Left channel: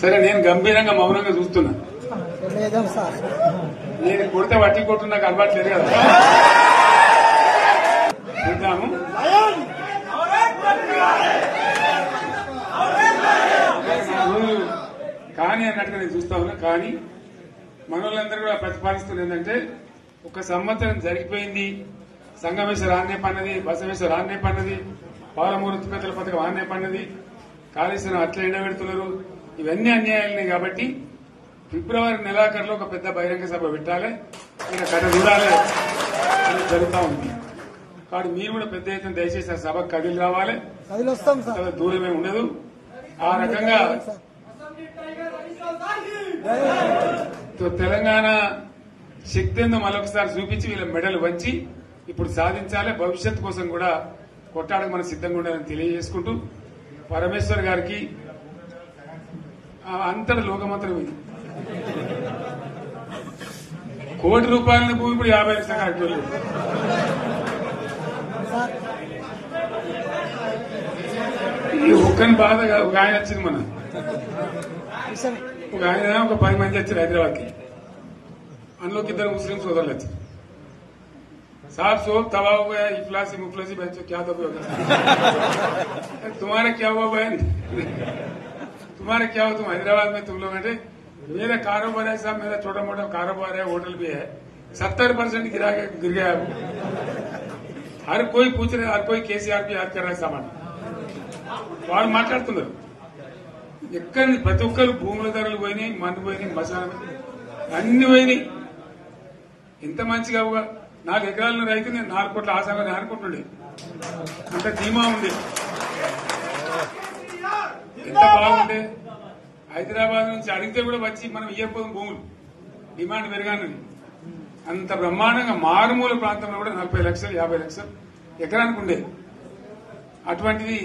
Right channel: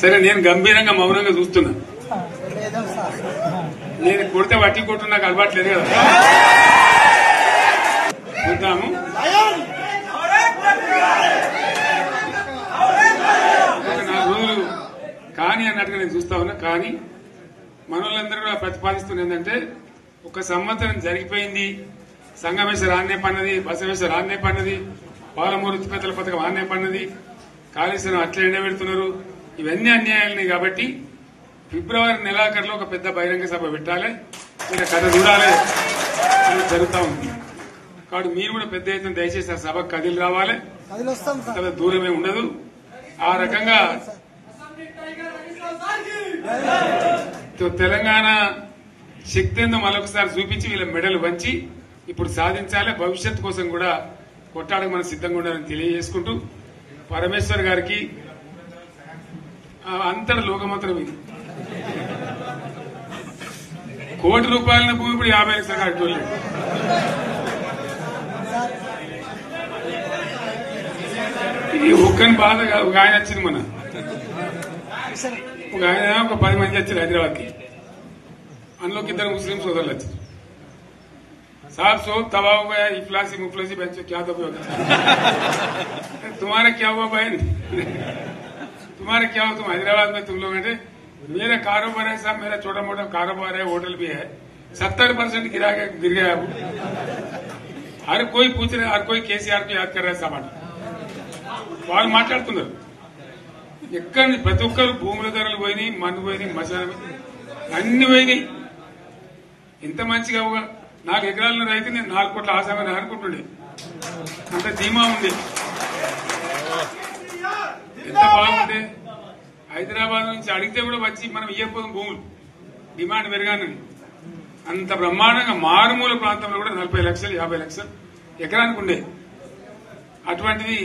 సరే నేను గంభీరంగా మౌనంగా చూస్తున్నా. నేను కొడితే వట్టి కొట్టు నాకు అలవాట్లేదు కదా. చూద్దాము. నా రోజులు కానీ అన్నట్టుగా నేను చూస్తా ఉన్నా. కానీ మనోళ్ళందరూ కూడా ప్రతిపాదిస్తుంది ఏంటంటే, ఒక సంవత్సరం జరిగిపోయింది, సంగమేశ్వర ఆన్నే పన్నది, బసవేశ్వర ఆన్నే పన్నది, పాలమూరు ఉత్పత్తుల పథకం ఆన్నే పన్నది, కాళేశ్వరం అట్లనే పెడుతున్నారు. ఇవన్నీ అన్యాయాలున్నాయి. కాబట్టి ఫిబ్రవరి నెలాఖరులో ఒక పెద్ద బహిరంగ సభ పెట్టాలి, మీరు కథ చూడాలి అని జరుగుతూ ఉంది. కాబట్టి మీరు కూడా పెద్ద ఎత్తున దయచేసి ఆ సభకు కదిలి రావాలి. కథ దూరమే ఉండదు. ఆ రకంగా తెలంగాణ శక్తి ఏందో మరొకసారి చూపించి వీళ్ళ మెడలు వంచి ఇప్పుడు సాధించాలి. భవిష్యత్తు కోసం కూడా కొట్టాడకు మనం సిద్ధంగా ఉండాలని తెలియజేసుకుంటూ, పరమేశ్వర్ గారికి అంతటి లోకమంత్రం ఇది. కోటి రూపాయల భూమి ఇప్పుడు 50 లక్షల కట్టుకోలేదు. ఈ ఒక్కని బాధ ఒక ఆయన వచ్చింది, మన ఒక ఆయన ఒక 10 మంది వచ్చారు హైదరాబాద్కి. అందులోకి 2 ముస్లిం సోదరులు వచ్చారు. साहब सोब तबाह हो गया, इफलासी मुफलसी बच्चों क्या दबे होगा. तुम्हारा क्या हुआ बहन, तुम्हारा क्या हुआ, तुम हैदराबाद में तुम लोग हैं. मेरा कारोबार है साहब, मेरा छोटा मोटा कारोबार है, होटल भी है. 70% गिर गया है. हर कोई पूछ रहे, हर कोई केसीआर को याद कर रहा है सामान. వాళ్ళు మాట్లాడుతున్నారు. ఎక్కడ ప్రతి ఒక్కరు భూముల ధరలు పోయినాయి, మన్ను పోయినాయి, మసాలా అన్ని పోయినాయి. ఎంత మంచిగా 4 ఎకరాల రైతు నేను 4 కోట్ల ఆసామని అనుకుంటుండే. అంత ధీమా ఉంది, ఎంత బాగుండే. హైదరాబాద్ నుంచి అడిగితే కూడా వచ్చి మనం ఇవ్వకపోదాం భూములు, డిమాండ్ పెరగానని. అంత బ్రహ్మాండంగా మారుమూల ప్రాంతంలో కూడా 40 లక్షలు 50 లక్షలు ఎకరానికి ఉండే. అటువంటిది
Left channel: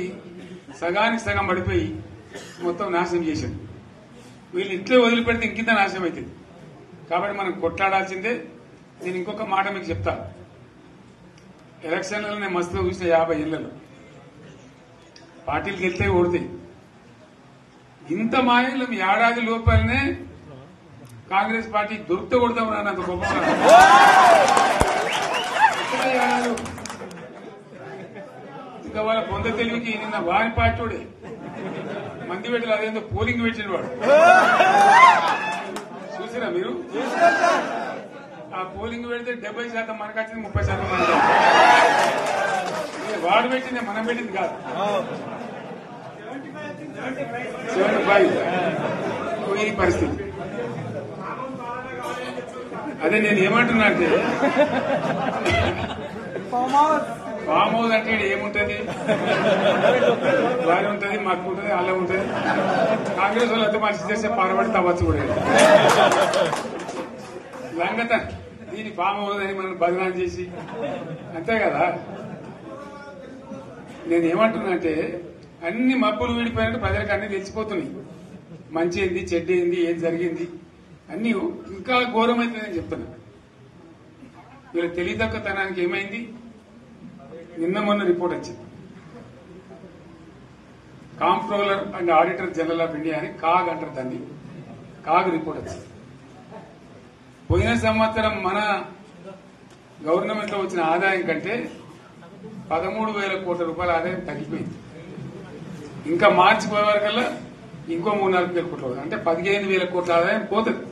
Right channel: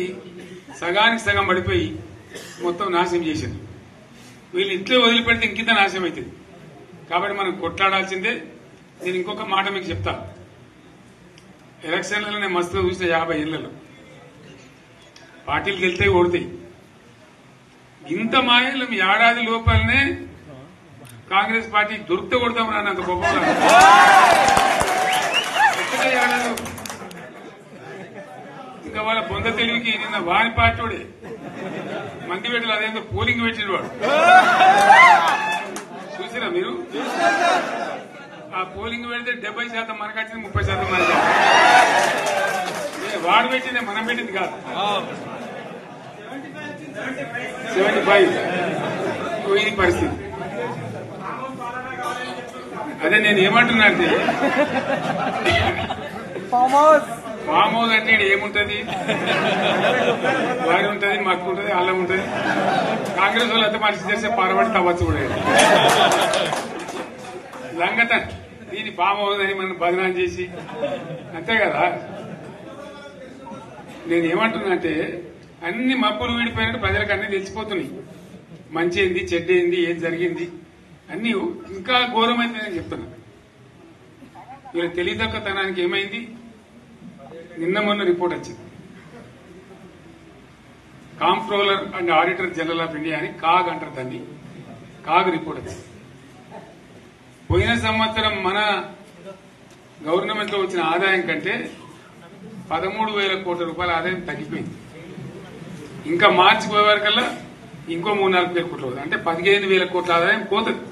సగానికి సగం పడిపోయి మొత్తం నాశనం చేశారు. వీళ్ళు ఇట్లే వదిలిపెడితే ఇంకింత నాశనం అవుతుంది. కాబట్టి మనం కొట్లాడాల్సిందే. నేను ఇంకొక మాట మీకు చెప్తా. ఎలక్షన్లలో నేను మస్తుగా చూసిన 50 ఏళ్లలో పార్టీలు గెలితే ఓడతాయి. ఇంత మాయలు ఏడాది లోపలనే కాంగ్రెస్ పార్టీ దొరికితే కొడతాం రానంత గొప్పగా. ఇంకా వాళ్ళ పొంద తెలివికి నిన్న వారి పార్టీడే మంది పెట్టాలి. అదేందో పోలింగ్ పెట్టిన వాడు చూసిరా మీరు. ఆ పోలింగ్ పెడితే 70% మనకు వచ్చింది, 30% మనకి. వాడు పెట్టింది, మనం పెట్టింది కాదు. 75 ఇది పరిస్థితి. అదే నేను ఏమంటున్నా అంటే, ఫామ్ హౌస్ అంటే ఏముంటది, వారి ఉంటది, మాకు ఉంటది, అలా ఉంటది. కాంగ్రెస్ వాళ్ళు ఎంత మనిషి చేస్తే పారబడి తవ్వచ్చు కూడా లంగత. దీన్ని ఫామ్ హౌస్ అని మనం బదనాం చేసి అంతే కదా. నేను ఏమంటున్నా అంటే, అన్ని మబ్బులు వీడిపోయినట్టు ప్రజలకు అన్ని తెలిసిపోతున్నాయి. మంచి ఏంది, చెడ్డ ఏంది, ఏం జరిగింది అన్ని ఇంకా ఘోరమైందని చెప్తున్నా. వీళ్ళ తెలివితక్కువతనానికి ఏమైంది, నిన్న మొన్న రిపోర్ట్ వచ్చింది. Comptroller and auditor general of India అని కాగ్ అంటారు దాన్ని. కాగ్ రిపోర్ట్ వచ్చింది. పోయిన సంవత్సరం మన గవర్నమెంట్ లో వచ్చిన ఆదాయం కంటే 13,000 కోట్ల రూపాయల ఆదాయం తగ్గిపోయింది. ఇంకా మార్చి పోయే వరకల్లా ఇంకో 3-4 కోట్ల అవుతుంది. అంటే 15,000 కోట్ల ఆదాయం పోతుంది.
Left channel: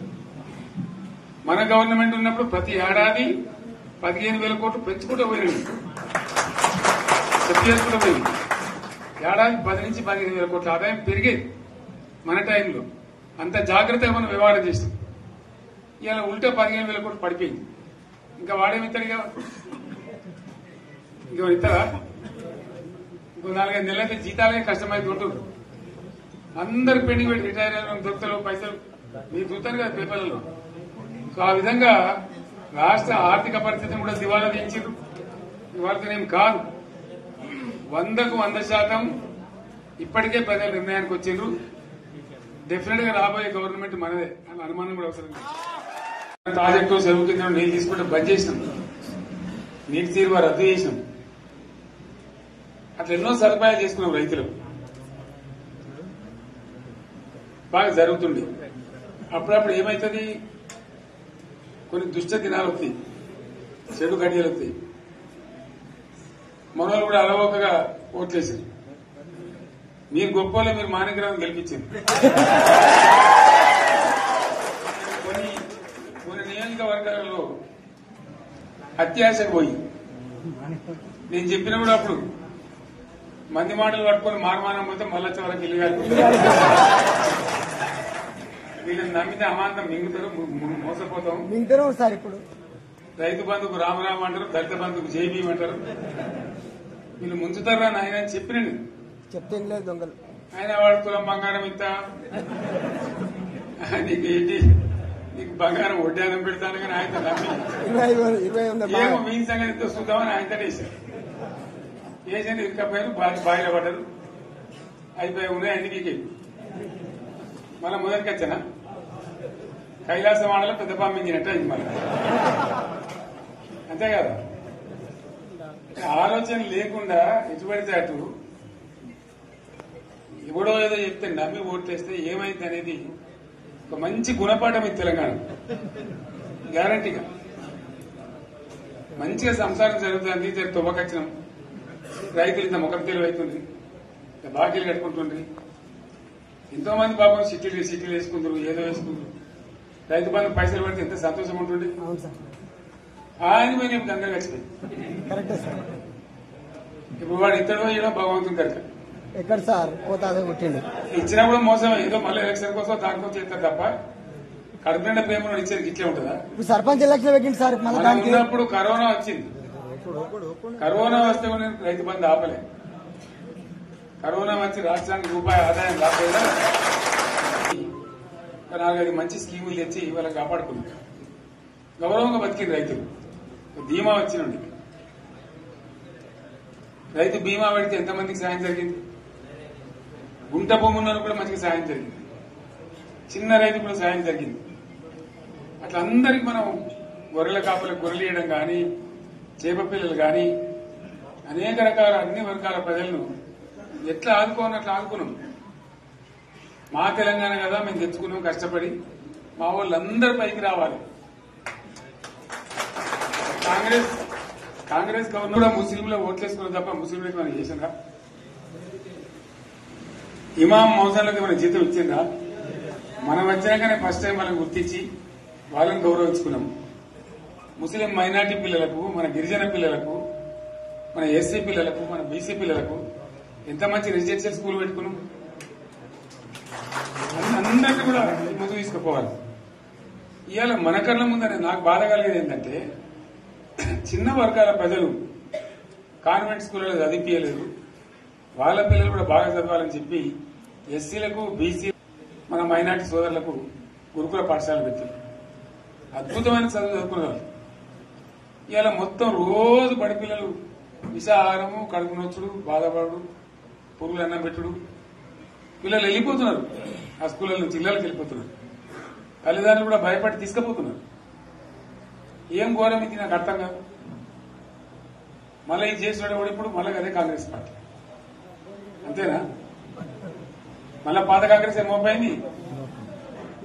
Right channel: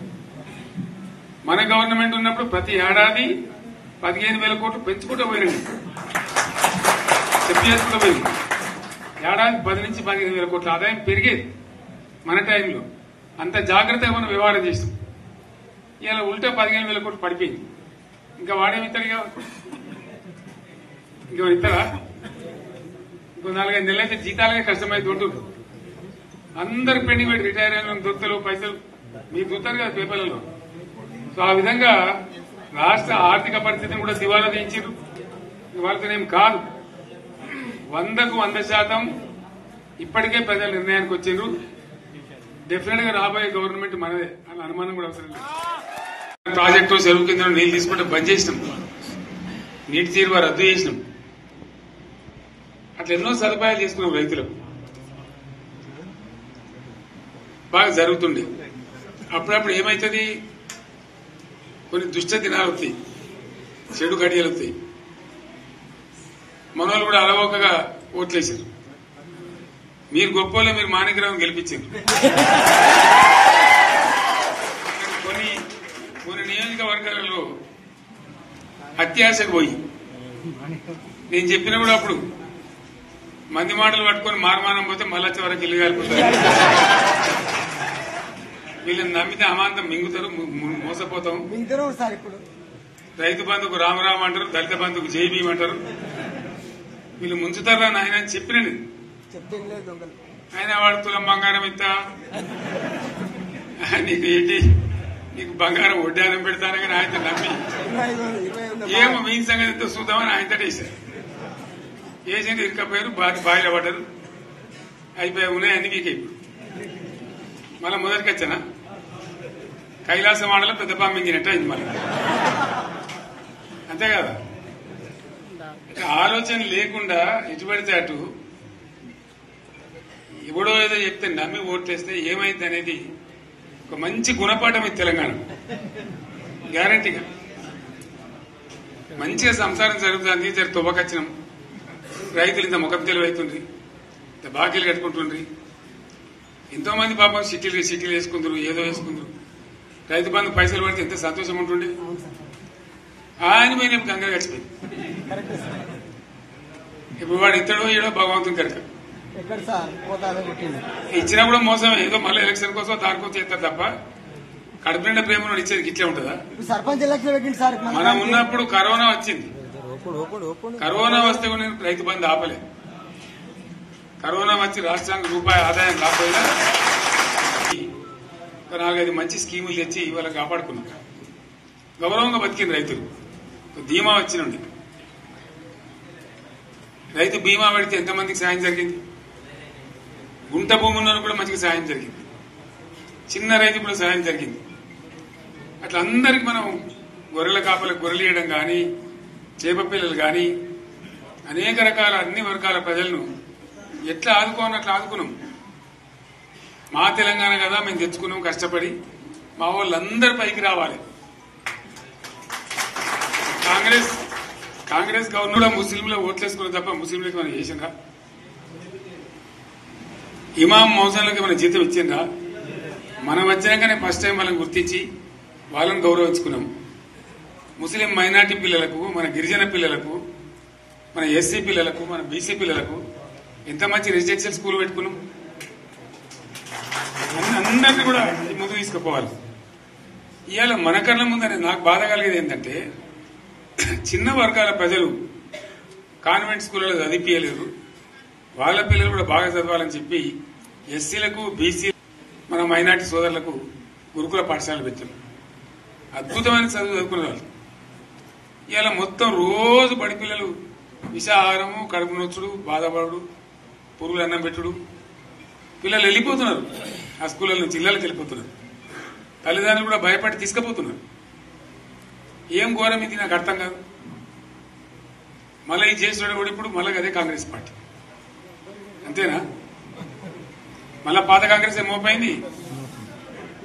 మన గవర్నమెంట్ ఉన్నప్పుడు ప్రతి ఏడాది 15,000 కోట్లు పెంచుకుంటూ పోయినాయి, చెప్పేసుకుంటూ పోయింది. ఏడాది 10 నుంచి 15,000 కోట్ల ఆదాయం పెరిగేది మన టైంలో. అంత జాగ్రత్తగా మనం వ్యవహారం చేస్తాం. ఇలా ఉల్టా 15,000 కోట్లు పడిపోయింది. ఇంకా వాడేమిస్తాడుగా, ఇంకో ఇస్తారా? ఇంకో 4-5 నెలలైతే జీతాలే కష్టమైంది. దొడ్డు అందరు పెండింగ్ పెట్టి రిటైర్ అయిన దొరుకుతలు పైసలు మీరు చూస్తారు కదా పేపర్లలో. సో ఆ విధంగా రాష్ట్ర ఆర్థిక పరిస్థితిని కూడా దివాలా తీయించారు. ఇవాళనేం కాదు, 100కు 100% ఇప్పటికే ప్రజల నిర్ణయానికి వచ్చారు. డెఫినెట్ గా రాబోయే గవర్నమెంట్ మనదే అని అనుమానం కూడా అవసరం లేదు. ప్రాజెక్టు చెరువు కింద నీళ్లు తీసుకుంటే బంద్ చేసినాం, నీటి తీరువ రద్దు చేసినాం. అట్లా ఎన్నో సదుపాయాలు చేసుకున్నాం రైతులకు. బాగా జరుగుతుండే. అప్పుడప్పుడు ఏమవుతుంది, కొన్ని దుష్ట దినాలు వస్తాయి, చెడు గడియలు వస్తాయి. మనోళ్ళు కూడా అలవోకగా ఓట్లేసారు. మీరు గొప్పలో మీరు మాణిక్యరావు గెలిపించారు. కొన్ని నియోజకవర్గాలలో అత్యాశకు పోయి నేను చెప్పిన కూడా అప్పుడు మంది మాటలు పట్టుకొని మారమానం పోతే మళ్ళీ వరకు ఇల్లు కాలిపోతారు. వీళ్ళని నమ్మితే అమాంతం మింగుతారు, మోసపోతాం. రైతు బంధుకు రామరామ అంటారు, దళిత బంధుకు జైబీ అంటారు. వీళ్ళు ముంచుతారా నాయన అని చెప్పినండి. ఆయన వాడు తులం బంగారం ఇస్తా, నీకు ఏంటి, నీకు బంగారం వడ్డానం పెడతాను కానీ ఆయన నమ్మి ఏమో మీ సంగతి ఎంతో చూద్దామని ఆయన వేశారు. వేసింది ఇరుకపోయారు, బాయిలో పడ్డారు, అయిపోయి ఉన్నాయి అన్ని వీకే. మళ్ళీ మొదటికి వచ్చానా కైలాసం ఆడలో పెద్ద పంపించినట్టు అయింది మళ్ళీ. అంతే కదా, ఆలోచన లేకుండా ఎటు పడితే అటు ఎవడో ఏదో చెప్తే నమ్మి ఓట్లేస్తే ఏమైంది అనేది ఒక మంచి గుణపాఠం ఇది తెలంగాణ. గ్యారంటీగా మంచిగా సంసారం జరుగుతుంది. జర తువ్వకచ్చినాం, రైతులు ఇంత ముఖం తెలివైతుండ్రి, ఇంత బాకీలు కట్టుకుంటుండ్రి. ఎంతో మంది పాపం సిటీలు వేసుకుందరు, ఏదో వేసుకుందరు. రైతు బంధు పైసలు పడితే ఎంత సంతోషం ఉంటుండే. ఆయన మీద గంగలు గడిచిపోయింది. ఇప్పుడు వాడు ఇతడో ఏడో భగవంతుని కనుక ఇచ్చినా కూడా మోసం. ఏదో మళ్ళీ ఎలక్షన్ కోసం దానికోసం చేస్తారు తప్ప కడుపు నిండా ప్రేమ ఇచ్చేది ఇట్లే ఉంటుందా? సర్పంచ్ ఎలక్షన్ పెట్టింది సార్. మనం ఉన్నప్పుడు కరోనా వచ్చింది. కరోనా వస్తే కూడా నేను రైతు బంధు ఆపలేదు. కరోనా వచ్చి రాష్ట్రానికి రూపాయి ఆదాయం రాకపోయినా 4-5 మంచి స్కీములు తెచ్చి వాళ్ళకి కాపాడుకున్నాం. గౌరవంగా బతికింది రైతులు. బీమా వచ్చినండి. రైతు బీమా పెడితే ఎంతమందికి సాయం జరిగింది? గుంట భూములను కూడా మంచిగా సాయం జరిగింది. చిన్న రైతు కూడా సాయం జరిగింది. అట్లా అందరికి మనం గొర్రెల కాపలకు గొర్రెలు వేయడం కానీ, చేప పిల్లలు కానీ, అనేక రకాల అన్ని వర్గాల ప్రజలను ఎట్లా ఆదుకోవాలని అట్లా ఆదుకున్నాం. మా తెలంగాణ కదా మేము తెచ్చుకున్నాం కష్టపడి. మా వాళ్ళందరి పైకి రావాలి. కాంగ్రెస్ గవర్నర్ ముస్లింలు ఓట్లేసుకున్న తప్ప ముస్లింలకు మనం చేసిందా? ఇమాం మౌజన్లకి మన జీతం ఇచ్చిందా? మనం వచ్చినాకనే ఫస్ట్ టైం వాళ్ళని గుర్తించి వాళ్ళని గౌరవించుకున్నాం. ముస్లిం మైనార్టీ పిల్లలకు, మన గిరిజన పిల్లలకు, మన ఎస్సీ పిల్లలకు, మన బీసీ పిల్లలకు ఎంత మంచి రెసిడెన్షియల్ స్కూల్ పెట్టుకున్నాం. అందరినీ కూడా ముందు తీసుకుపోవాలి. ఇవాళ మన కళ్ళ ముందని నాకు బాధ కలిగేది ఏంటంటే, చిన్న వర్గాల ప్రజలు కాన్వెంట్ స్కూళ్ళలో చదివించలేరు. వాళ్ళ పిల్లలు కూడా బాగా చదవాలని చెప్పి ఎస్సీలకు, బీసీ, మన మైనార్టీ సోదరులకు గురుకుల పాఠశాలలు పెట్టారు. అద్భుతమైన చదువు చదువుకునే వాళ్ళు. ఇవాళ మొత్తం రోజు బడి పిల్లలు విషాహారము, కడుపు నొచ్చుడు, బాధపడు, పురుగులు అన్నం పెట్టుడు. పిల్లలు వెళ్ళిపోతున్నారు ఆ స్కూళ్ళ నుంచి, ఇళ్ళకి వెళ్ళిపోతున్నారు. తల్లిదండ్రులు కూడా భయపడి తీసుకుపోతున్నారు. ఏం ఘోరం ఇది నాకు అర్థం కాదు. మళ్ళీ ఇది చేసిన కూడా ఇప్పుడు మళ్ళీ అదే కాంగ్రెస్ పార్టీ. అంతేనా? మళ్ళా పాత కాంగ్రెస్ మోపైంది,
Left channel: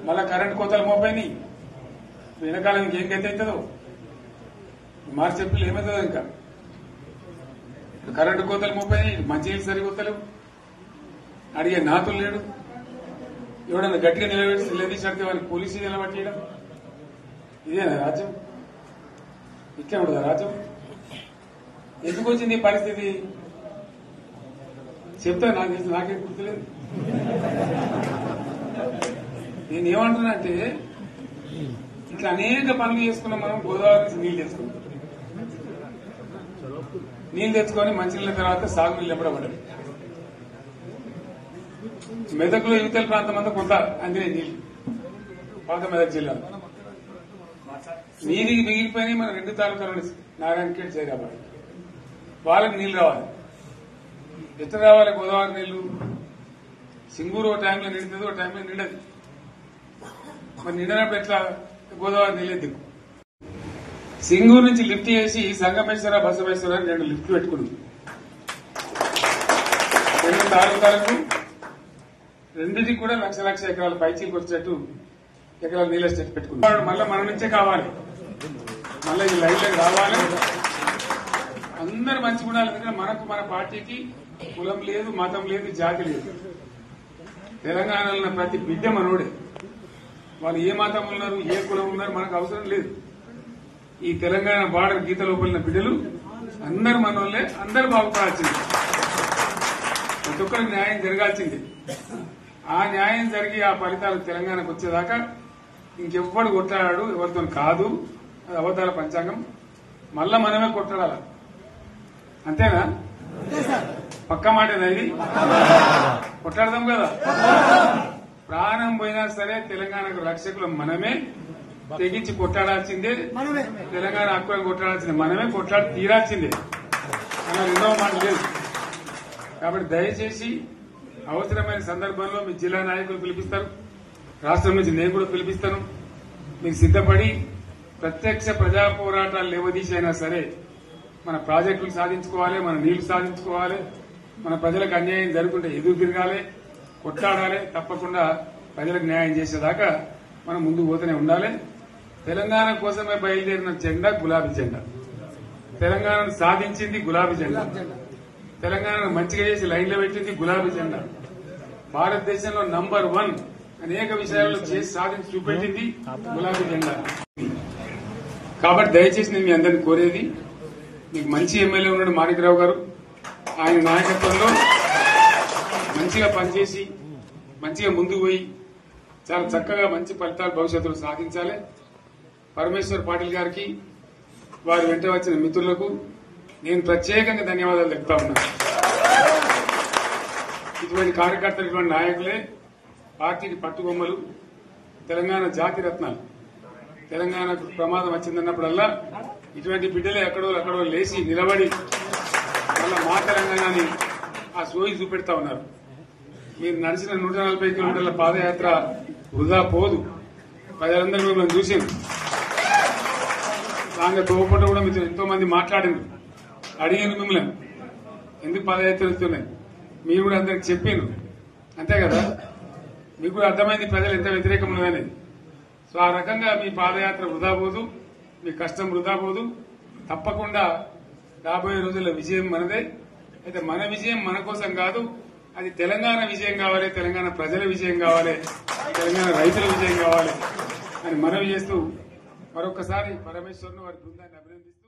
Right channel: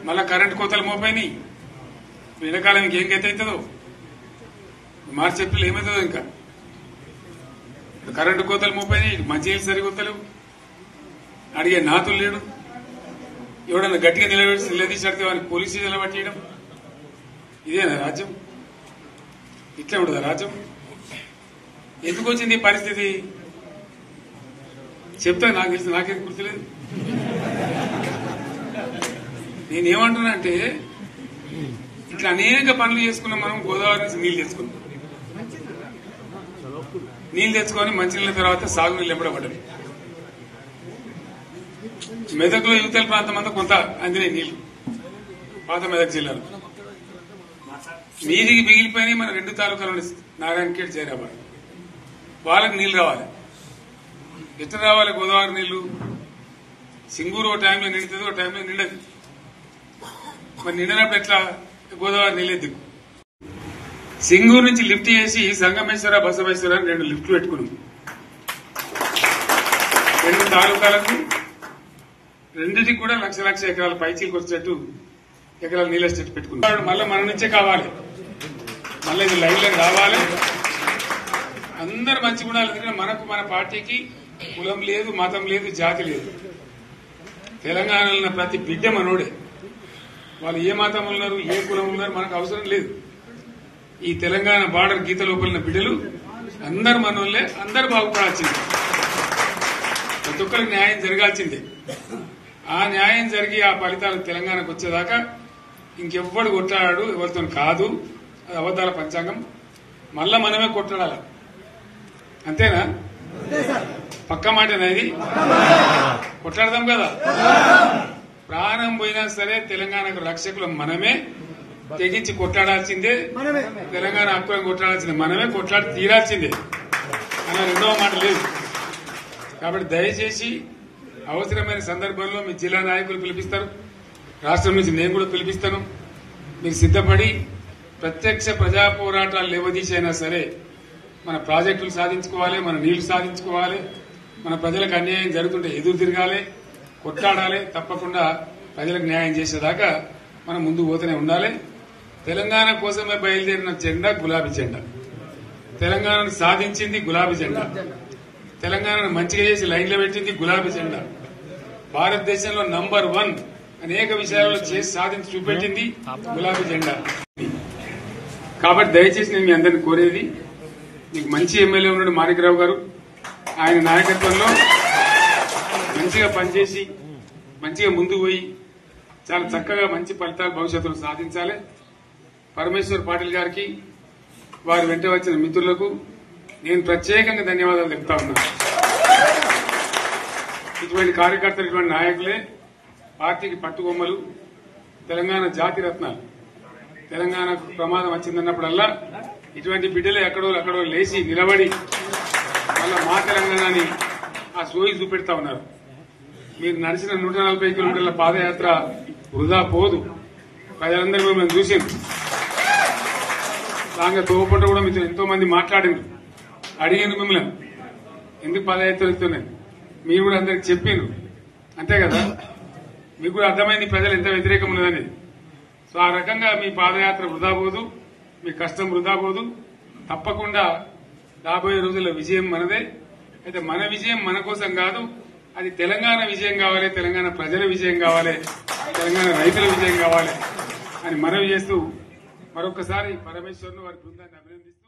మళ్ళా కరెంటు కోతలు మోపైనాయి. వెనకాలం ఇంకేం గతి అవుతుందో మార్చి చెప్పి ఏమవుతుందో. ఇంకా కరెంటు కోతలు మోపైనాయి, మంచినీళ్ళు సరికొత్తలు, అడిగే నాతులు లేడు. ఎవడన్నా గట్టిగా నిలదీసినట్టు వారికి పోలీసు నిలబట్టేయడం. ఇదేనా రాజ్యం? ఇట్లా ఉంటుందా రాజ్యం? ఎందుకు వచ్చింది ఈ పరిస్థితి చెప్తా. నాకు తెలిసి నాకేం గుర్తులేదు. నేనేమంటున్నా అంటే, ఇట్లా అనేక పనులు చేసుకున్నాం మనం. గోదావరి నుంచి నీళ్లు తెచ్చుకున్నాం. నీళ్లు తెచ్చుకొని మంచినీళ్ళ తర్వాత సాగునీళ్ళు ఎప్పుడబడ్డాయి. మెదక్లో యువతల ప్రాంతం అంతా కొంత అందినాయి నీళ్లు, పాత మెదక్ జిల్లాలో. మీదికి మిగిలిపోయినాయి మన 2 తాలూకాలు, నారాయణఖేడ్, జైరాబాద్. వాళ్ళకి నీళ్లు రావాలి. ఎట్లా రావాలి గోదావరి నీళ్లు? సింగూరు ఒక టైంలో నిండుతుంది, ఒక టైంలో నిండదు. మరి నిండినప్పుడు ఎట్లా గోదావరి నీళ్ళే దిక్కు. సింగూరు నుంచి లిఫ్ట్ చేసి సంగమేశ్వర, బసవేశ్వర 2 లిఫ్ట్లు పెట్టుకున్నాం. 2 తాలూకాలకు రెండింటికి కూడా లక్ష ఎకరాల పైచీలకు వచ్చేట్టు ఎకరాల నీళ్ళ చెట్టు పెట్టుకున్నాడు. మళ్ళీ మన నుంచే కావాలి, మళ్ళీ ఇది లైన్లోకి రావాలి. అందరు మంచిగా ఉండాలి. ఎందుకంటే మనకు మన పార్టీకి కులం లేదు, మతం లేదు, జాతి లేదు. తెలంగాణలో ఉన్న ప్రతి బిడ్డ మనోడే. వాళ్ళు ఏ మతం ఉన్నారు, ఏ కులం ఉన్నారు మనకు అవసరం లేదు. ఈ తెలంగాణ బార్డర్ గీత లోపలిన బిడ్డలు అందరు మనోళ్ళే, అందరు బాగుపడాల్సిందే. ప్రతి ఒక్కరికి న్యాయం జరగాల్సిందే. ఆ న్యాయం జరిగి ఆ ఫలితాలు తెలంగాణకు వచ్చేదాకా ఇంకెవ్వడు కొట్లాడాడు, ఎవరితో కాదు. అది అబద్దాల పంచాంగం. మళ్ళా మనమే కొట్లాడాలి. అంతేనా? పక్క మాటేనా ఇది? కొట్లాడదాం కదా. ప్రాణం పోయినా సరే తెలంగాణకు రక్షకులు మనమే. తెగించి కొట్లాడాల్సిందే. తెలంగాణ హక్కులను కొట్లాడాల్సిందే. మనమే కొట్లాడి తీరాల్సిందే. అలా రెండవ మాట లేదు. కాబట్టి దయచేసి అవసరమైన సందర్భంలో మీ జిల్లా నాయకులు పిలిపిస్తారు, రాష్ట్రం నుంచి నేను కూడా పిలిపిస్తాను. మీరు సిద్దపడి ప్రత్యక్ష ప్రజా పోరాటాలు లేవదీసైనా సరే మన ప్రాజెక్టులు సాధించుకోవాలి, మన నీళ్లు సాధించుకోవాలి, మన ప్రజలకు అన్యాయం జరుగుతుంటే ఎదురు తిరగాలి, కొట్లాడాలి. తప్పకుండా ప్రజలకు న్యాయం చేసేదాకా మనం ముందు పోతూనే ఉండాలి. తెలంగాణ కోసమే బయలుదేరిన జెండా గులాబీ జెండా. తెలంగాణను సాధించింది గులాబీ జెండా. తెలంగాణను మంచిగా చేసి లైన్లో పెట్టింది గులాబీ జెండా. భారతదేశంలో నంబర్ 1 అనేక విషయాల్లో చేసి సాధించి చూపెట్టింది గులాబీ జెండా. కాబట్టి దయచేసి నేను మీ అందరిని కోరేది, మీకు మంచి ఎమ్మెల్యే ఉన్నాడు మాణిక్రావు గారు. ఆయన నాయకత్వంలో మంచిగా పనిచేసి మంచిగా ముందుకు పోయి చాలా చక్కగా మంచి ఫలితాలు భవిష్యత్తులో సాధించాలి. పరమేశ్వర్ పాటిల్ గారికి, వారు వెంట వచ్చిన మిత్రులకు నేను ప్రత్యేకంగా ధన్యవాదాలు చెప్తా ఉన్నాను. ఇటువంటి కార్యకర్తలు, ఇటువంటి నాయకులే పార్టీకి పట్టుబొమ్మలు, తెలంగాణ జాతి రత్నాలు. తెలంగాణకు ప్రమాదం వచ్చిందన్నప్పుడల్లా ఇటువంటి బిడ్డలే ఎక్కడో లేచి నిలబడి వాళ్ళ మా తెలంగాణని ఆ సోయి చూపెడతా ఉన్నారు. మీరు నడిచిన 140 కిలోమీటర్ల పాదయాత్ర వృధా పోదు. ప్రజలందరూ కూడా మేము చూసాం. దాంట్లో తోపట కూడా మీతో ఎంతో మంది మాట్లాడింది, అడిగాను మిమ్మల్ని ఎందుకు పాదయాత్ర ఇస్తున్నాను. మీరు కూడా అందరికి చెప్పాను, అంతే కదా. మీకు కూడా అర్థమైంది ప్రజలు ఎంత వ్యతిరేకం ఉన్నదనేది. సో ఆ రకంగా మీ పాదయాత్ర వృధా పోదు, మీ కష్టం వృధా పోదు. తప్పకుండా రాబోయే రోజుల్లో విజయం మనదే. అయితే మన విజయం మన కోసం కాదు, అది తెలంగాణ విజయం కావాలి, తెలంగాణ ప్రజల విజయం కావాలి, తెలంగాణ రైతుల విజయం కావాలి అని మనవి చేస్తూ మరొకసారి పరమేశ్వర్ను వారి బృందాన్ని అభినందిస్తూ